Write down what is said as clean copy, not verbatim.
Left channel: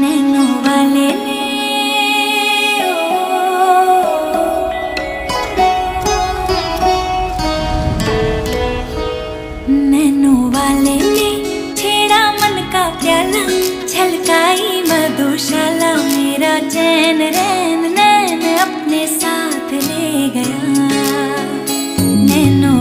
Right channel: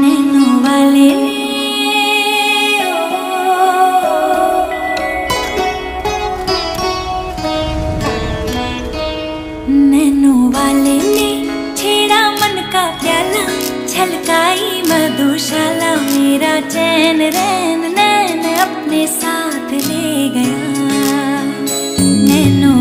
नैनों वाले ने नैनों वाले ने छेड़ा मन का प्याला, छलकाई मधुशाला, मेरा चैन रैन नैन अपने साथ ले गया। नैनों